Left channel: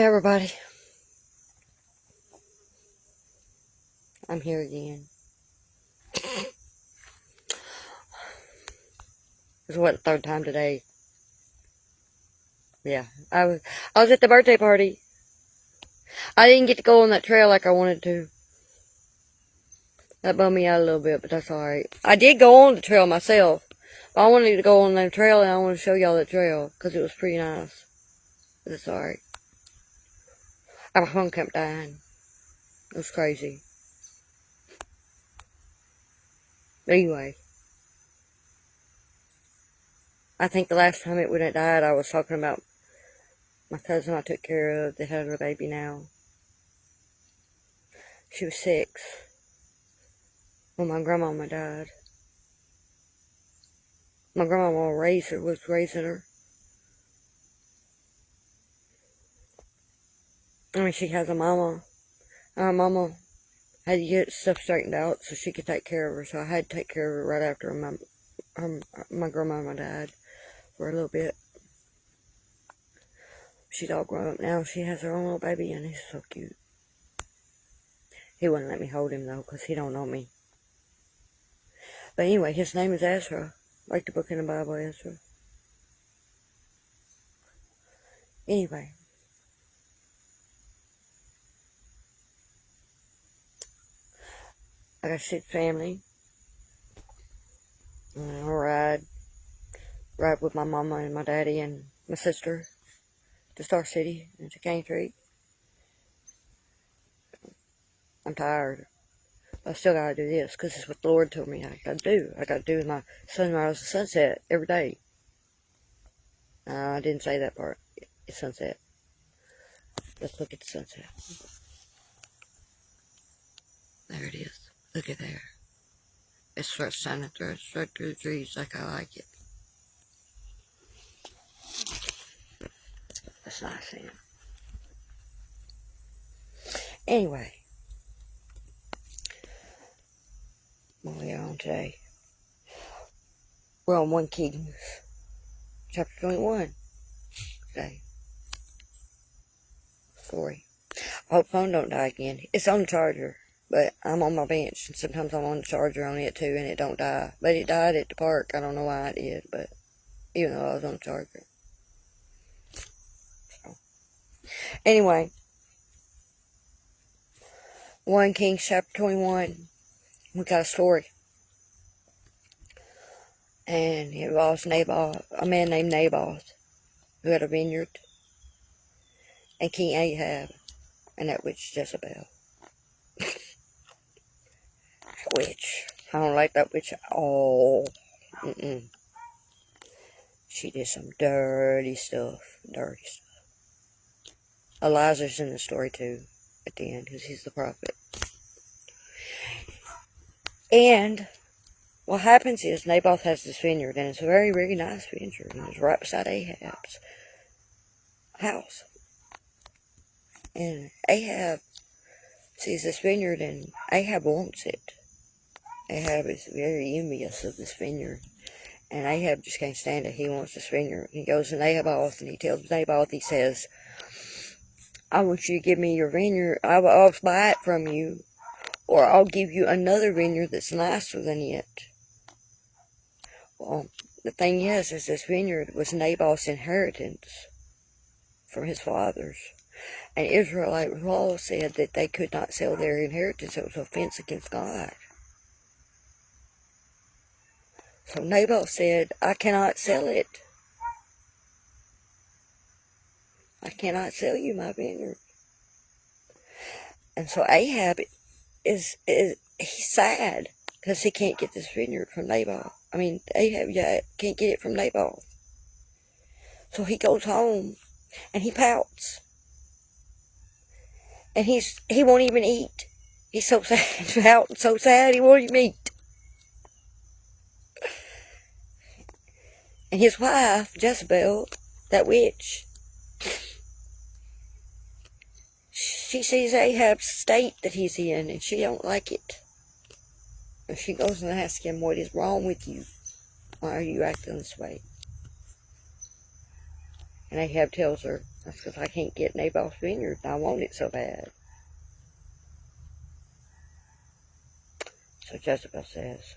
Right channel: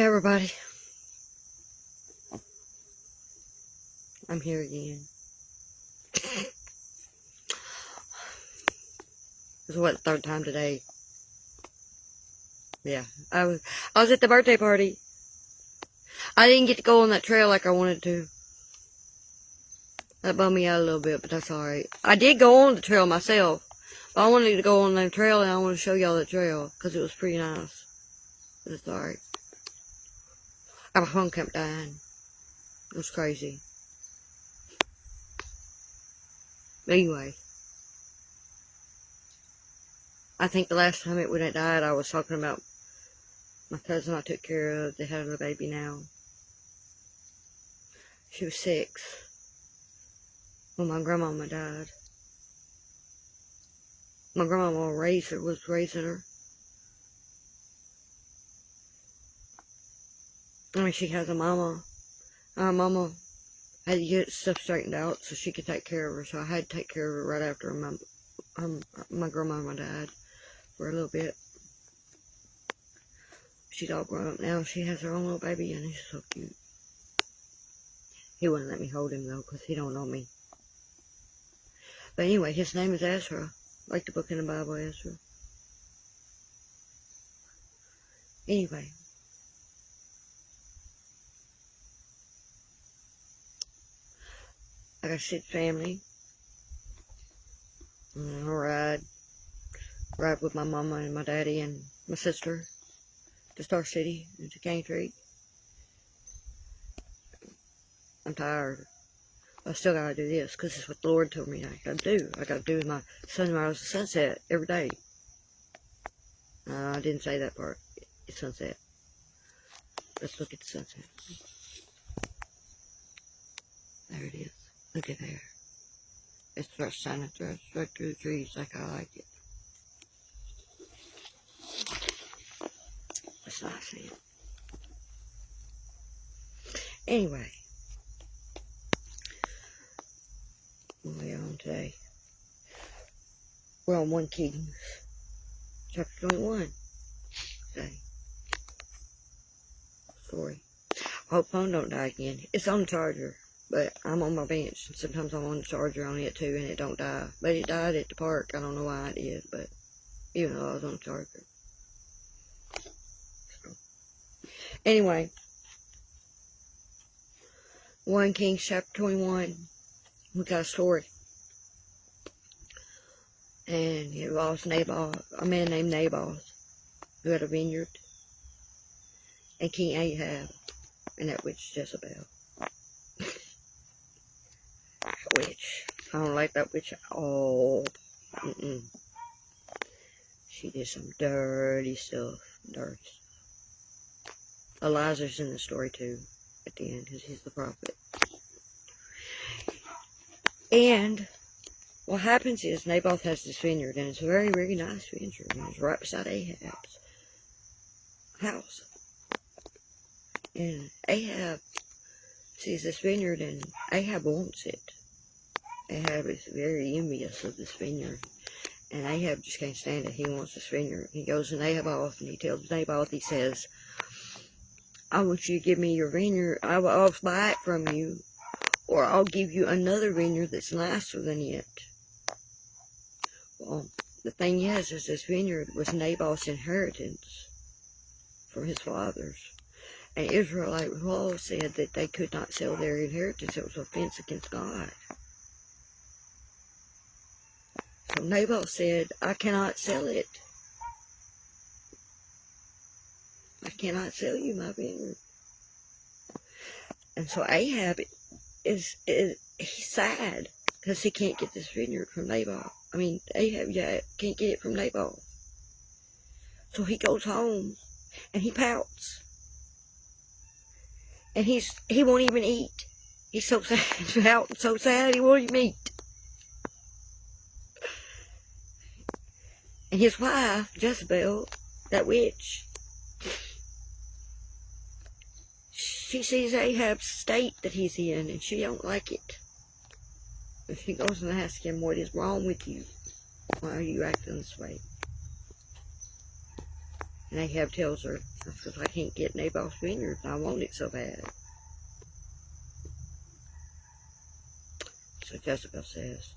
Hey everybody, I'm here again. This is what, the third time today. Yeah, I was at the birthday party. I didn't get to go on that trail like I wanted to. That bummed me out a little bit, but that's alright. I did go on the trail myself. But I wanted to go on that trail and I want to show y'all that trail because it was pretty nice. But it's alright. Our home kept dying. It was crazy. But anyway, I think the last time it wouldn't have died, I was talking about my cousin I took care of that had a baby now. She was 6 when my grandmama died. My grandmama was raising her. I mean, she has a mama. Our mama had to get stuff straightened out so she could take care of her. So I had to take care of her right after my grandmama died for a little bit. She's all grown up now. She has her own little baby and he's so cute. He wouldn't let me hold him though because he don't know me. But anyway, his name is Ezra. Like the book in the Bible, Ezra. Anyway. I got a sick family. I'll ride with my mama and my daddy and my sister to Star City and to Cane Creek. I'm tired. I still gotta do this because it's what the Lord told me I gotta do. I gotta do my sunrise and sunset every day. I didn't say that part. It's sunset. Let's look at the sunset. There it is. Look at there. It starts shining straight through the trees like I like it. That's nice thing. Anyway. What are we on today? We're on 1 Kings. Chapter 21. Today. Sorry. I hope the phone don't die again. It's on the charger. But I'm on my bench, and sometimes I'm on the charger on it too, and it don't die. But it died at the park. I don't know why it did, but even though I was on the charger. So. Anyway. 1 Kings chapter 21. We got a story. And it involves Naboth, a man named Naboth, who had a vineyard. And King Ahab, and that witch Jezebel. Witch. I don't like that witch at all. She did some dirty stuff. Elijah's in the story too, at the end, because he's the prophet. And what happens is Naboth has this vineyard, and it's a very, very nice vineyard, and it's right beside Ahab's house. And Ahab sees this vineyard, and Ahab wants it. Ahab is very envious of this vineyard. And Ahab just can't stand it. He wants this vineyard. He goes to Naboth and he tells Naboth, he says, I want you to give me your vineyard. I'll buy it from you. Or I'll give you another vineyard that's nicer than it. Well, the thing is this vineyard was Naboth's inheritance from his fathers. And Israelite law said that they could not sell their inheritance. It was an offense against God. So Naboth said, I cannot sell it. I cannot sell you my vineyard. And so Ahab he's sad because he can't get this vineyard from Naboth. I mean, Ahab can't get it from Naboth. So he goes home and he pouts. And he won't even eat. He's so sad, out so sad he won't even eat. And his wife, Jezebel, that witch, she sees Ahab's state that he's in, and she don't like it. And she goes and asks him, what is wrong with you? Why are you acting this way? And Ahab tells her, That's because I can't get Naboth's vineyard, and I want it so bad. So Jezebel says,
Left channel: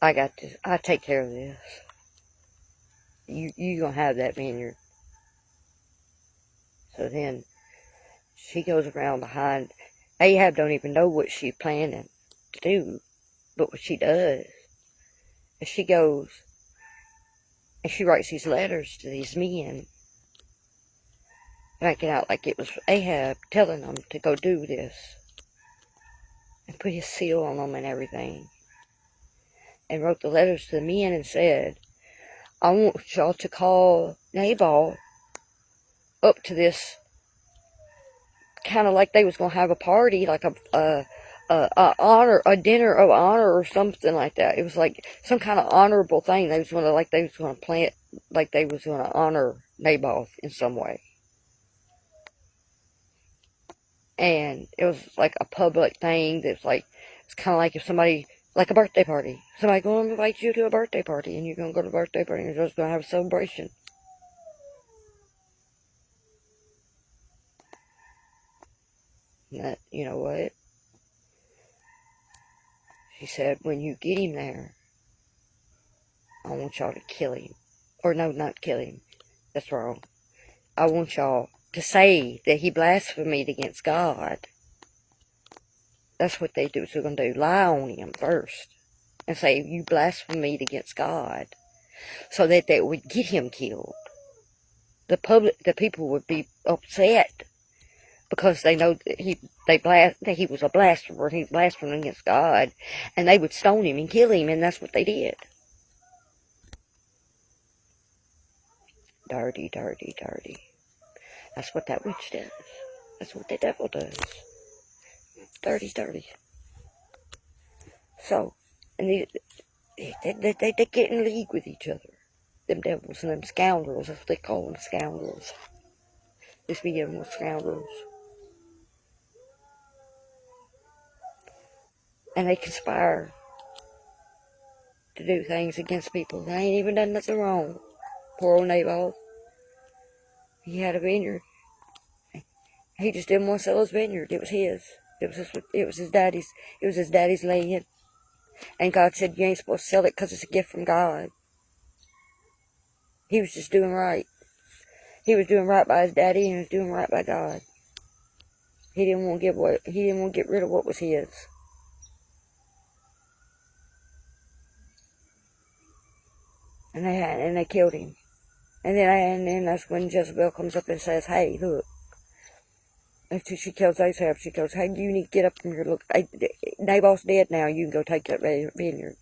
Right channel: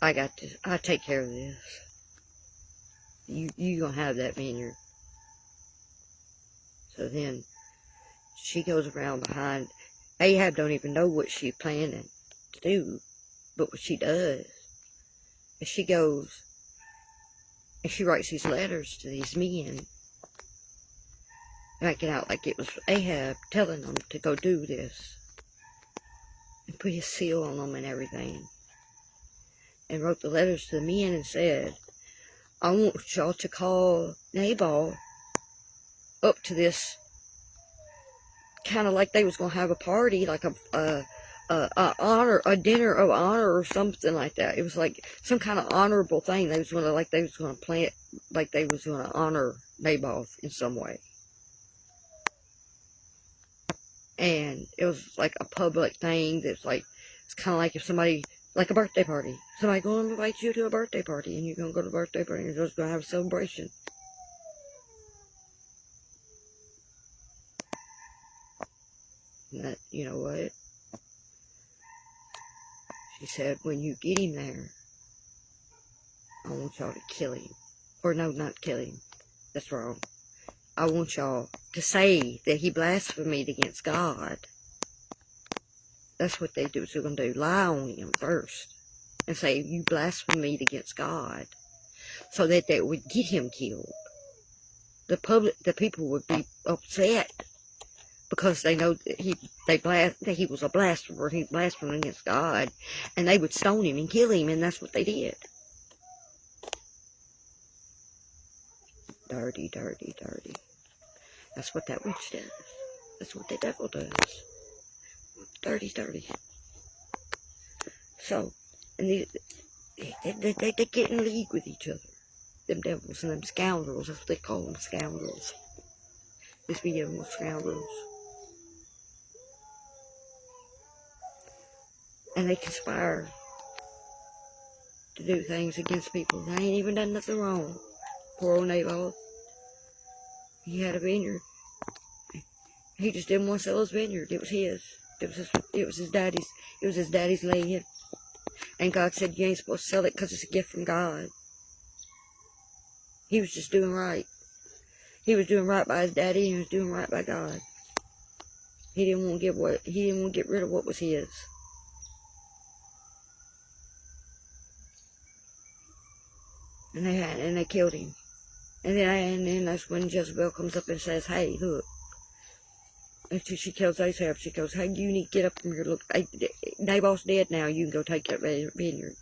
I got this. I take care of this. You gonna have that vineyard. So then she goes around behind. Ahab don't even know what she's planning to do, but what she does is she goes and she writes these letters to these men, making out like it was Ahab telling them to go do this, and put his seal on them and everything, and wrote the letters to the men and said, I want y'all to call Naboth up to this, kind of like they was going to have a party, like a dinner of honor or something like that. It was like some kind of honorable thing. They was going to plan it, like they was going to honor Naboth in some way. And it was like a public thing that's like, it's kind of like if somebody, like a birthday party. Somebody going to invite you to a birthday party, and you're going to go to the birthday party, and you're just going to have a celebration. And that, you know what? She said, when you get him there, I want y'all to kill him. Or no, not kill him. That's wrong. I want y'all to say that he blasphemed against God. That's what they do. So they're going to do. Lie on him first. And say, you blasphemed against God. So that they would get him killed. The people would be upset. Because they know that he was a blasphemer. He blasphemed against God. And they would stone him and kill him. And that's what they did. Dirty, dirty, dirty. That's what that witch does. That's what the devil does. Dirty, dirty. So, and they get in league with each other. Them devils and them scoundrels. That's what they call them, scoundrels. This video was scoundrels. And they conspire to do things against people. They ain't even done nothing wrong. Poor old Naboth. He had a vineyard. He just didn't want to sell his vineyard. It was his. It was his daddy's. It was his daddy's land. And God said, you ain't supposed to sell it because it's a gift from God. He was just doing right. He was doing right by his daddy, and he was doing right by God. He didn't want to get rid of what was his. And they killed him. And then that's when Jezebel comes up and says, hey, look. After she kills Ahab, she goes, hey, you need to get up from here. Look, Naboth's dead now. You can go take that vineyard.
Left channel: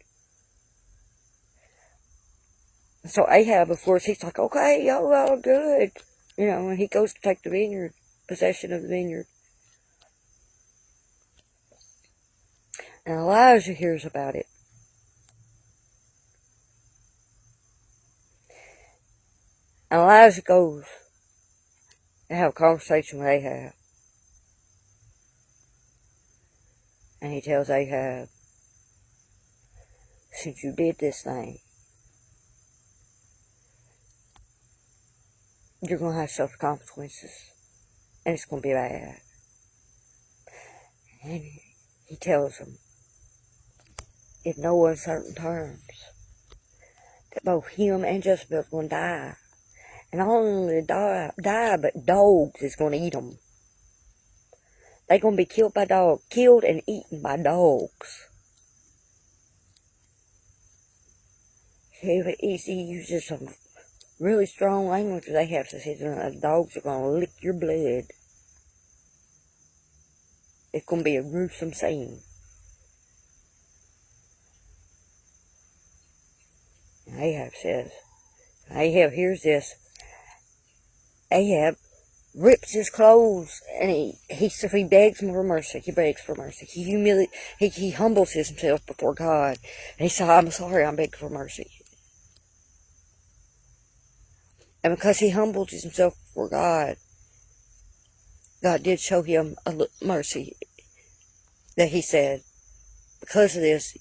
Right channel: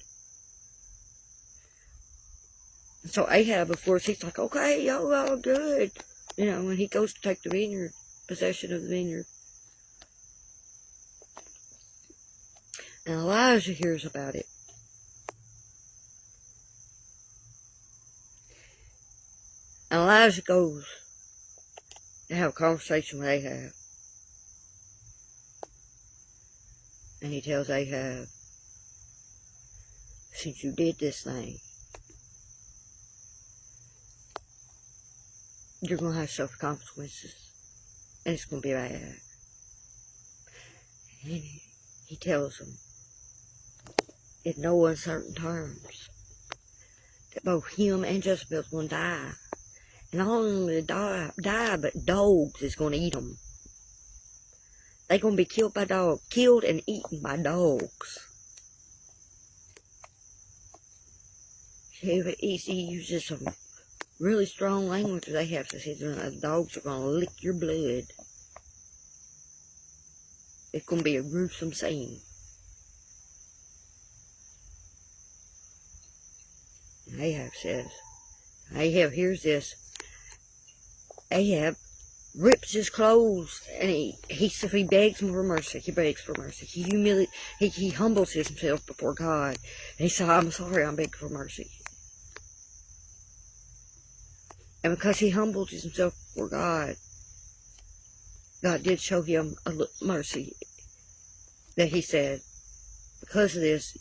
So Ahab, of course, he's like, okay, y'all good. You know, and he goes to take the vineyard, possession of the vineyard. And Elijah hears about it. And Elijah goes to have a conversation with Ahab. And he tells Ahab, since you did this thing, you're going to have suffer consequences. And it's going to be bad. And he tells him, in no uncertain terms, that both him and Jezebel's going to die. And not only die, but dogs is going to eat them. They're going to be killed and eaten by dogs. He uses some really strong language. They have to say the dogs are going to lick your blood. It's going to be a gruesome scene. And Ahab says, Ahab hears this. Ahab rips his clothes and he begs for mercy. He begs for mercy. He humbles himself before God. And he says, I'm sorry, I'm begging for mercy. And because he humbled himself before God, God did show him a mercy. That he said, because of this,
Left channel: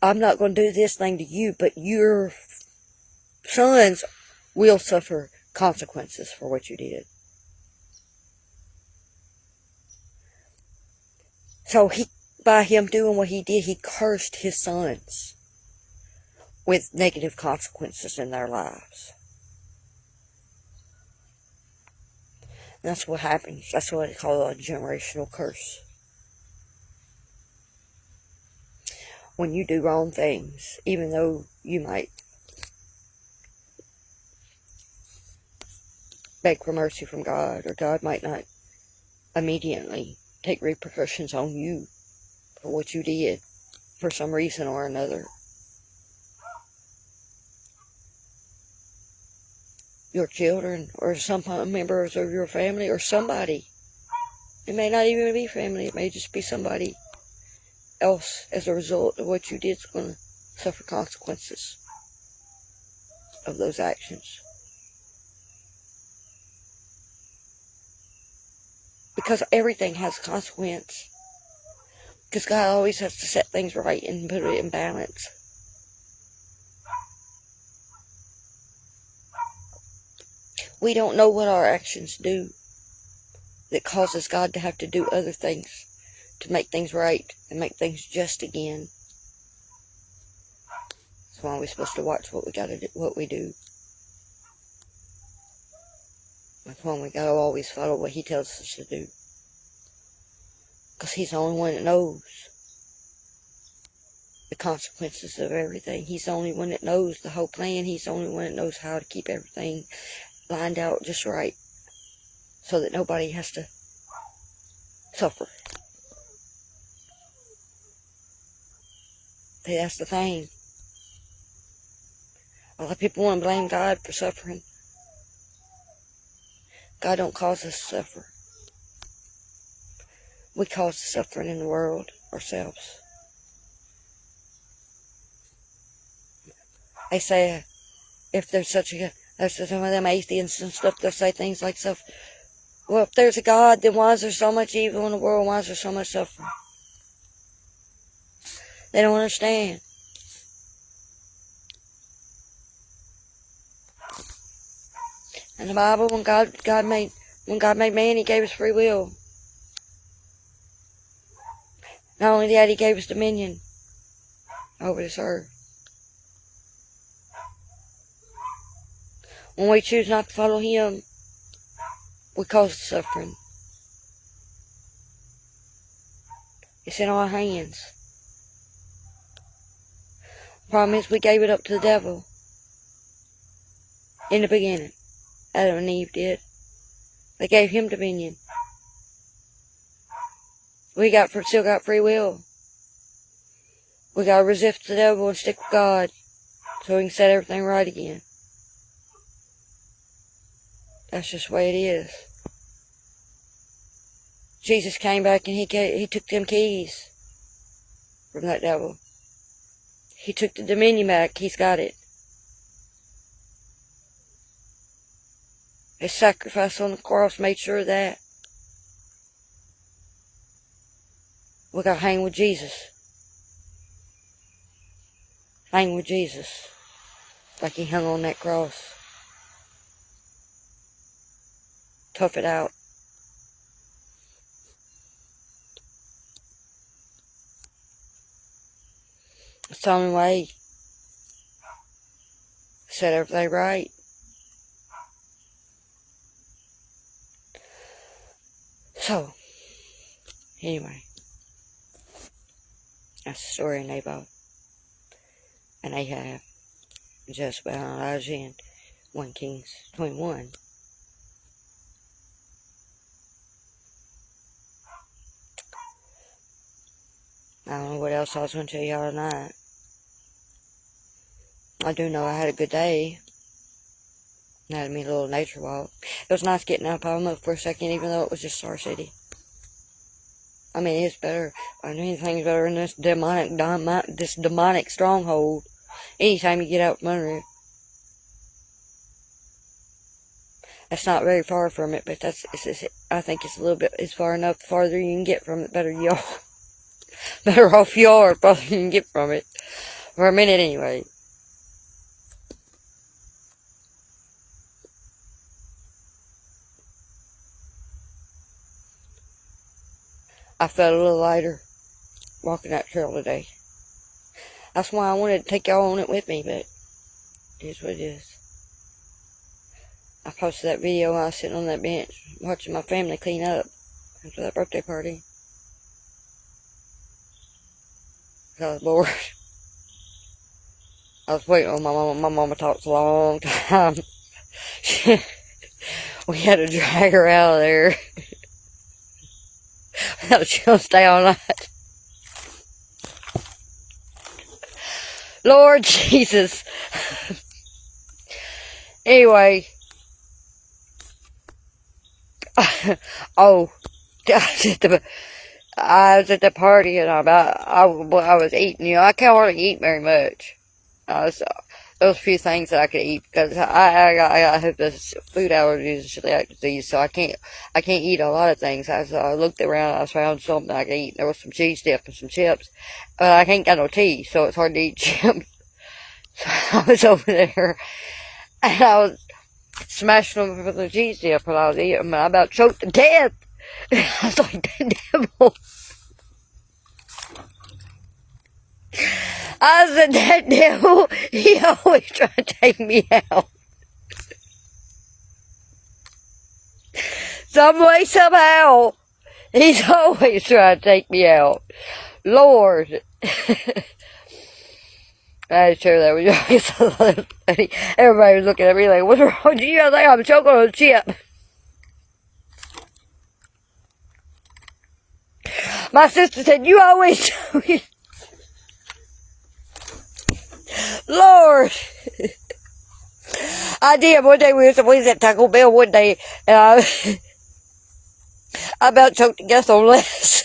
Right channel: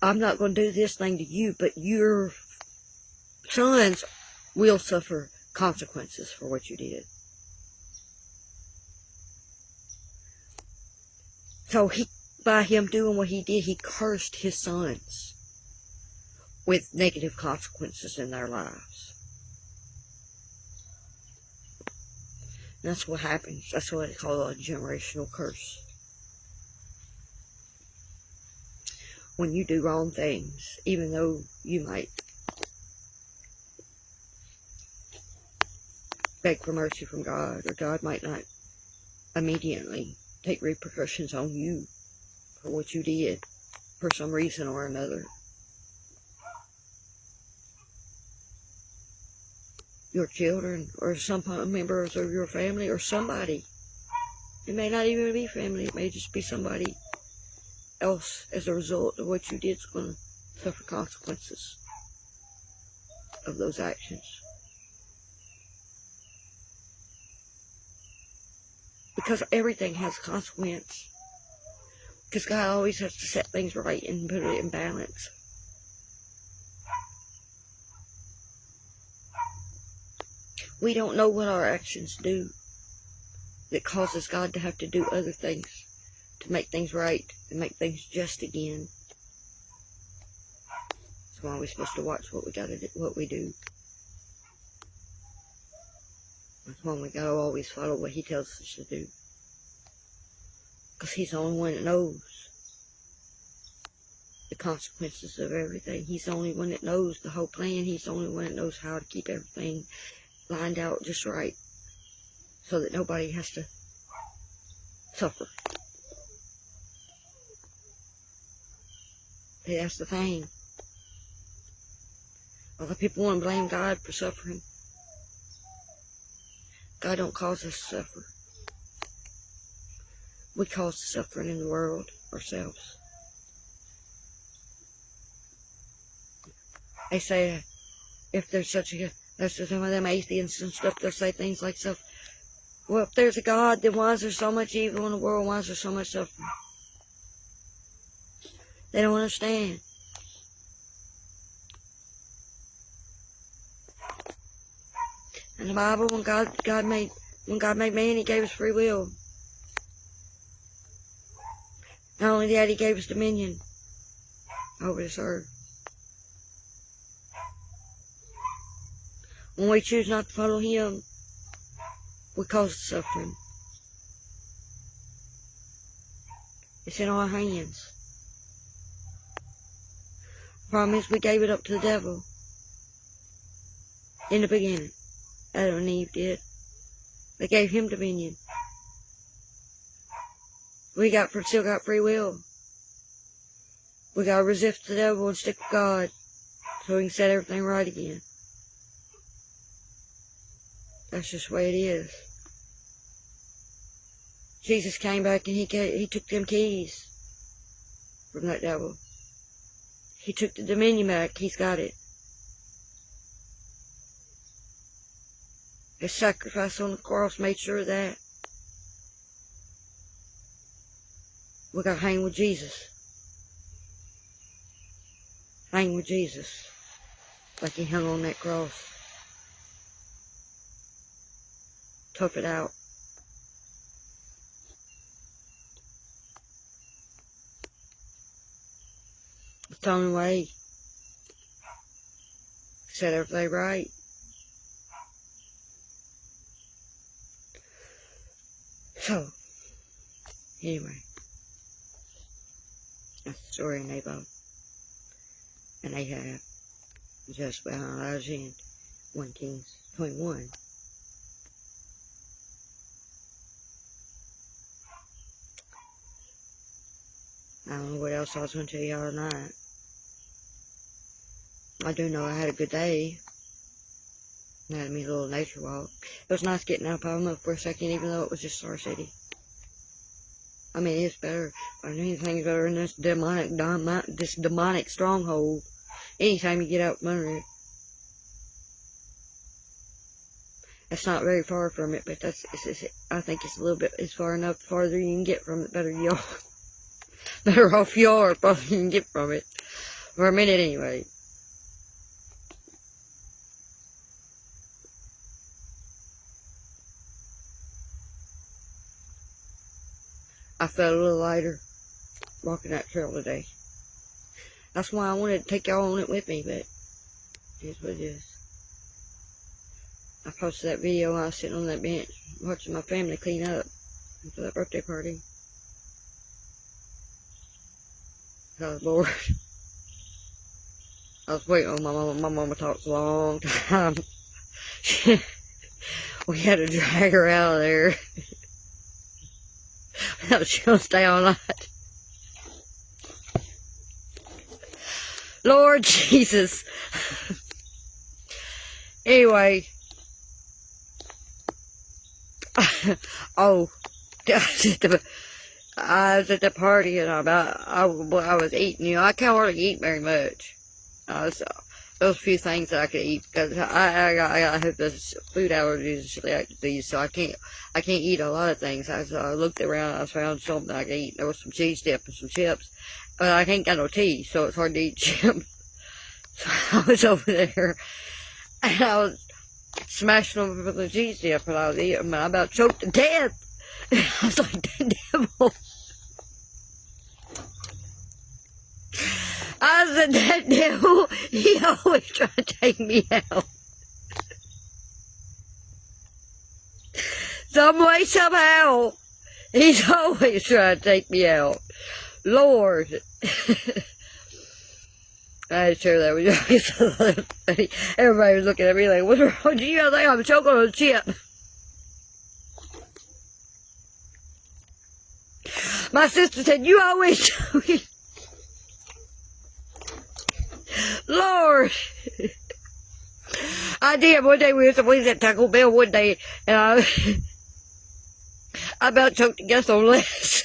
I'm not going to do this thing to you, but your sons will suffer consequences for what you did. So by him doing what he did, he cursed his sons with negative consequences in their lives. And that's what happens. That's what they call a generational curse. When you do wrong things, even though you might beg for mercy from God, or God might not immediately take repercussions on you for what you did for some reason or another. Your children, or some members of your family, or somebody. It may not even be family. It may just be somebody else, as a result of what you did, is going to suffer consequences of those actions. Because everything has a consequence. Because God always has to set things right and put it in balance. We don't know what our actions do that causes God to have to do other things to make things right and make things just again. That's why we're supposed to watch what we do. That's why we gotta always follow what He tells us to do. Because He's the only one that knows the consequences of everything. He's the only one that knows the whole plan. He's the only one that knows how to keep everything lined out just right, so that nobody has to suffer. See, that's the thing. A lot of people want to blame God for suffering. God don't cause us to suffer. We cause the suffering in the world ourselves. They say, if there's some of them atheists and stuff, they'll say things like stuff. Well, if there's a God, then why is there so much evil in the world? Why is there so much suffering? They don't understand. In the Bible, when God made man, He gave us free will. Not only that, He gave us dominion over this earth. When we choose not to follow Him, we cause suffering. It's in our hands. The problem is we gave it up to the devil in the beginning. Adam and Eve did. They gave him dominion. We still got free will. We got to resist the devil and stick with God so we can set everything right again. That's just the way it is. Jesus came back and he took them keys from that devil. He took the dominion back. He's got it. His sacrifice on the cross made sure of that. We got to hang with Jesus. Hang with Jesus like He hung on that cross. Tough it out. It's the only way. Set everything right. So, anyway, that's the story of Naboth and Ahab, Jezebel and Elijah in 1 Kings 21. I don't know what else I was going to tell y'all tonight. I do know I had a good day. I had me a little nature walk. It was nice getting out of Palma for a second, even though it was just Star City. I mean, it's better. Anything's better than this demonic stronghold. Anytime you get out from under it. That's not very far from it, but I think it's a little bit. It's far enough. The farther you can get from it, better you are. Better off you are, farther you can get from it. For a minute, anyway. I felt a little lighter walking that trail today. That's why I wanted to take y'all on it with me, but it is what it is. I posted that video while I was sitting on that bench watching my family clean up after that birthday party. I was bored. I was waiting on my mama. My mama talks a long time. We had to drag her out of there. She gonna stay all night. Lord Jesus. Anyway. Oh, I was at the party and I was eating. You know, I can't hardly eat very much. Those few things that I could eat, because I have this food allergies and celiac disease, so I can't eat a lot of things. I looked around, I found something I could eat. There was some cheese dip and some chips, but I can't got no teeth, so it's hard to eat chips. So I was over there, and I was smashing them with the cheese dip when I was eating them, and I about choked to death. I was like, the devil. I said, that devil, he always trying to take me out. Some way, somehow, he's always trying to take me out. Lord. I had to share that with you. Everybody was looking at me like, what's wrong with you? I think I'm choking on a chip. My sister said, you always do it. Lord. I did. One day we was at Taco Bell one day, and I about choked to death on lettuce.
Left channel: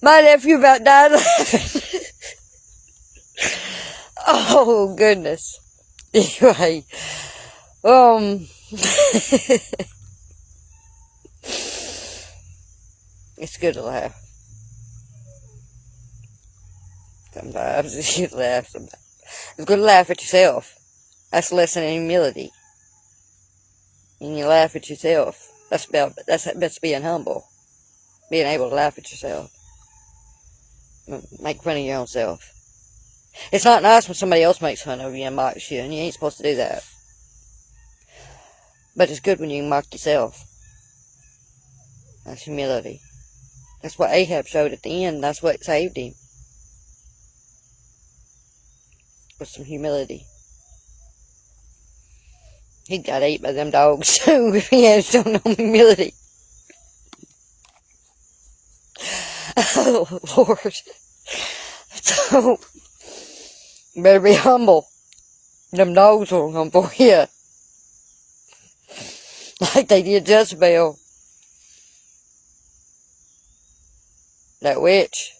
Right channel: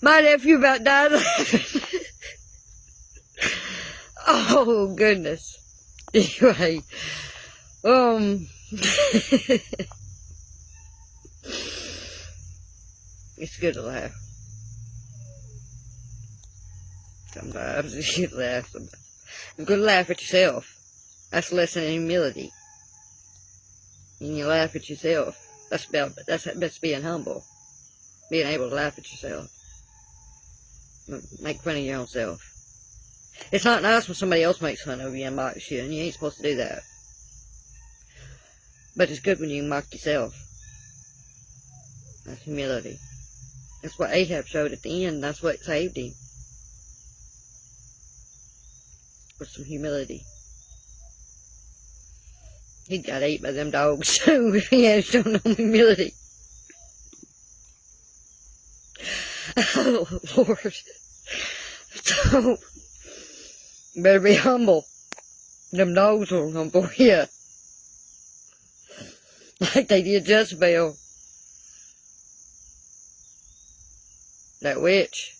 My nephew about died laughing. Oh, goodness. Anyway, it's good to laugh. Sometimes you laugh. Sometimes it's good to laugh at yourself. That's a lesson in humility. And you laugh at yourself. That's being humble. Being able to laugh at yourself. Make fun of your own self. It's not nice when somebody else makes fun of you and mocks you, and you ain't supposed to do that. But it's good when you mock yourself. That's humility. That's what Ahab showed at the end. That's what saved him. With some humility. He got ate by them dogs too if he had shown no humility. Oh, Lord. So, you better be humble. Them dogs will come for you. Like they did Jezebel. That witch.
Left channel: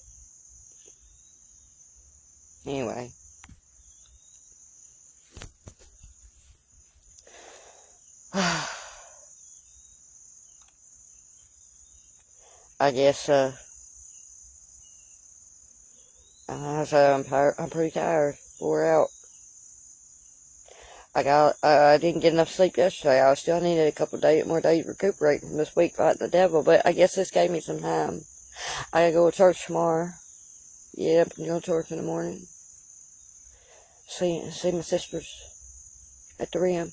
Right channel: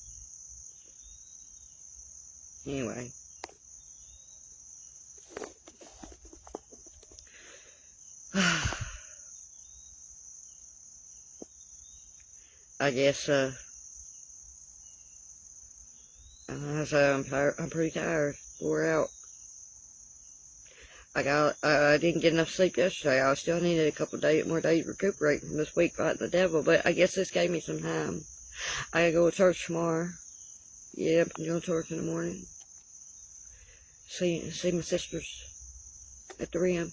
Anyway. I guess, I'm pretty tired. Wore out. I didn't get enough sleep yesterday. I still needed a couple more days recuperating from this week fighting the devil, but I guess this gave me some time. I gotta go to church tomorrow. Yeah, I'm going to church in the morning. See my sisters at the Rim.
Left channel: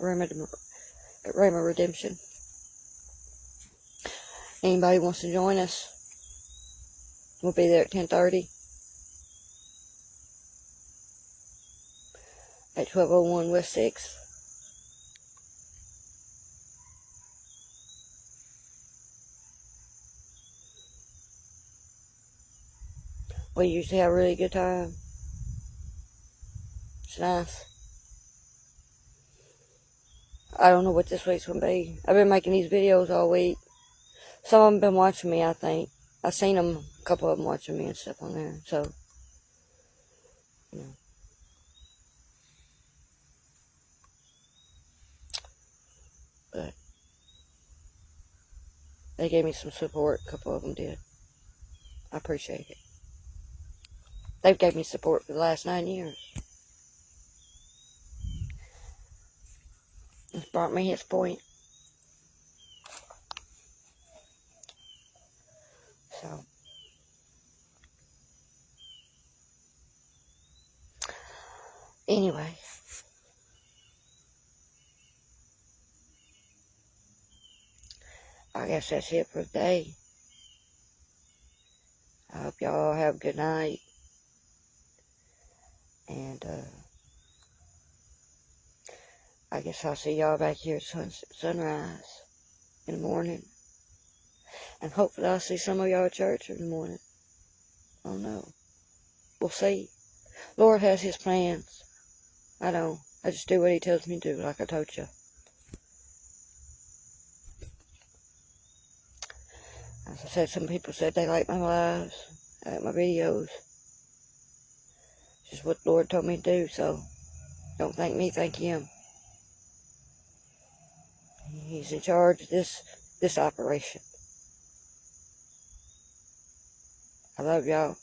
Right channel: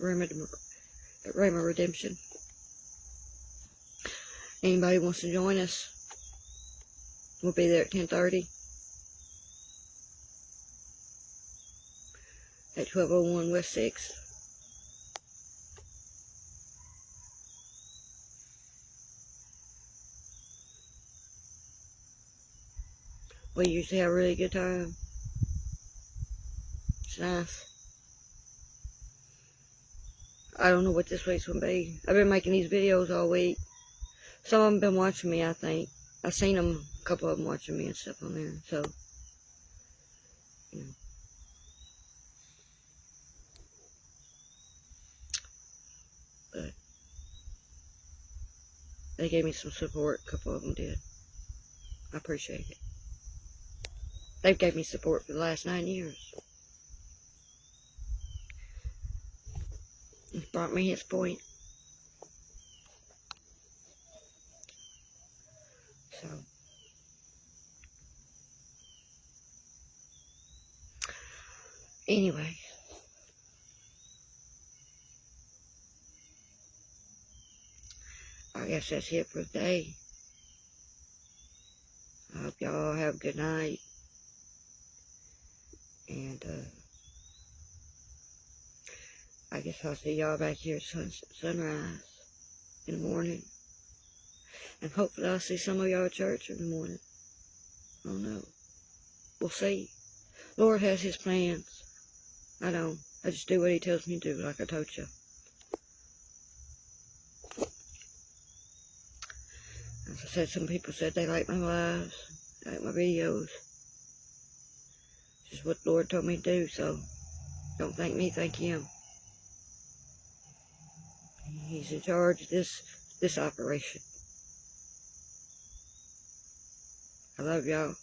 At Rhema Redemption. Anybody wants to join us? We'll be there at 10:30. At 1201 West 6th. We usually have a really good time. It's nice. I don't know what this week's going to be. I've been making these videos all week. Some of them been watching me, I think. I've seen them, a couple of them watching me and stuff on there. So, you know. But they gave me some support. A couple of them did. I appreciate it. They've gave me support for the last 9 years. brought me his point. So, anyway, I guess that's it for today. I hope y'all have a good night. And, I guess I'll see y'all back here at sunrise in the morning. And hopefully I'll see some of y'all at church in the morning. I don't know. We'll see. Lord has his plans. I know. I just do what he tells me to do, like I told you. As I said, some people said they like my lives, they like my videos. Just what the Lord told me to do, so don't thank me, thank him. He's in charge of this operation. I love y'all.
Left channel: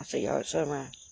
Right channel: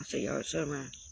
I'll see y'all at sunrise.